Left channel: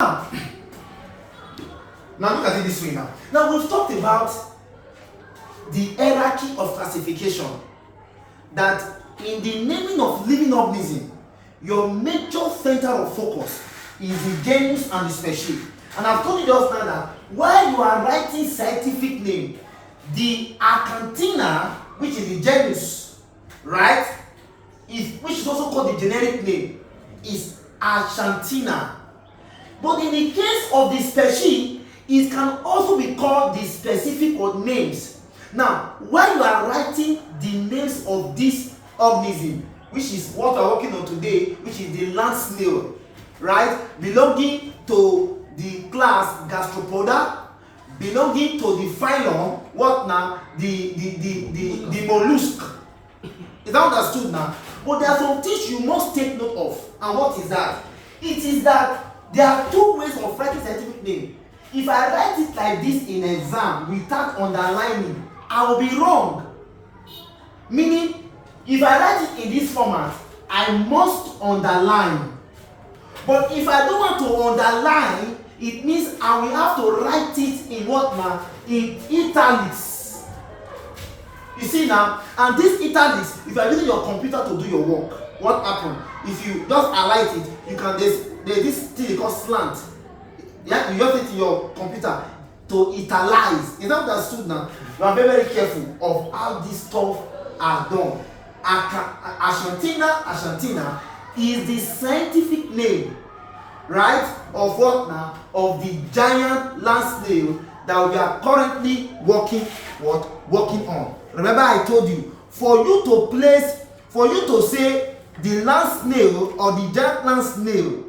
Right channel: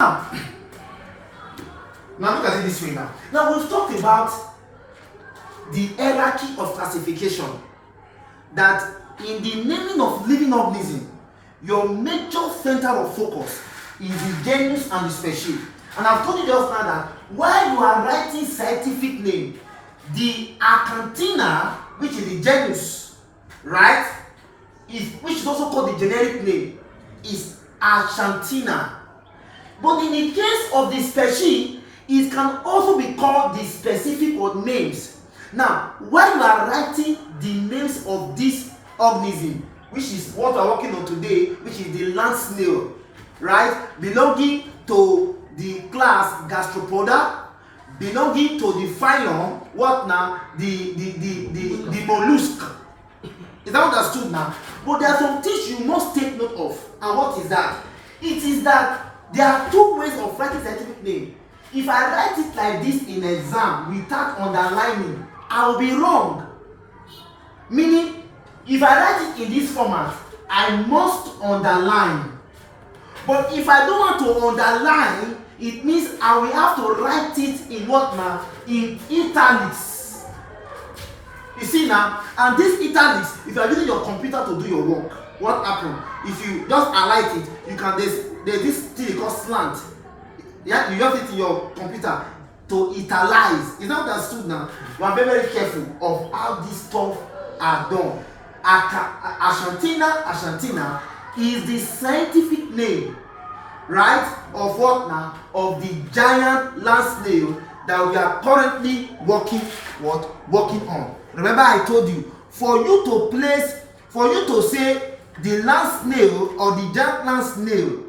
Now look at it this way now. Now we've talked about the hierarchy of classification, that in the naming of living organism, your major center of focus is the genus and the species. And I've told you just now that while you are writing scientific name, the Acanthina, which is the genus, right, which is also called the generic name, is Achanthina. But in the case of the species, it can also be called the specific or names. Now, while you are writing the names of this organism, which is what we are working on today, which is the land snail, right, belonging to the class Gastropoda, belonging to the phylum, what now, the mollusk. Is that understood now? But there are some things you must take note of. And what is that? It is that there are two ways of writing scientific name. If I write it like this in exam without underlining, I will be wrong. Meaning, if I write it in this format, I must underline. But if I don't want to underline, it means I will have to write it in what now? In italics. You see now, and this italics, if you are using your computer to do your work, what happens? If you just highlight it, you can there's this thing called slant. Yeah, you use it in your computer to italize. Is that understood now? You are very, very careful of how this stuff are done. Achanthina is the scientific name, right, of what now? Of the giant land snail that we are currently working on. Remember, I told you, for you to say the land snail or the giant land snail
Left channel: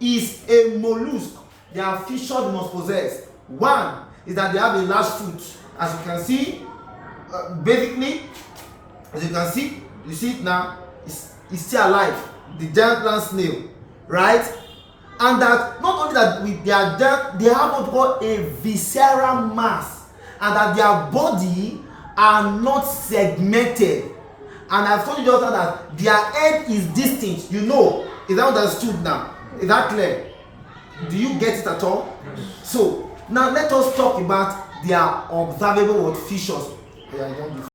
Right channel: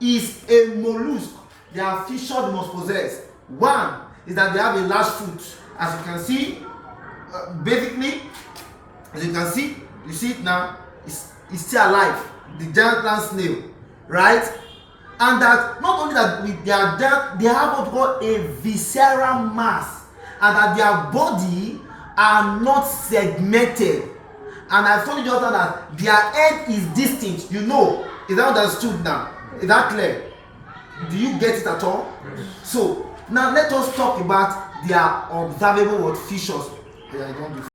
is a mollusk, there are features they must possess. One is that they have a large foot, as you can see. Basically, as you can see, you see it now, it's still alive, the giant land snail, right? And that not only that they have what we call a visceral mass, and that their body are not segmented. And I've told you just now that their head is distinct. You know, is that understood now? Is that clear? Do you get it at all? Yes. So now let us talk about their observable features. Yeah,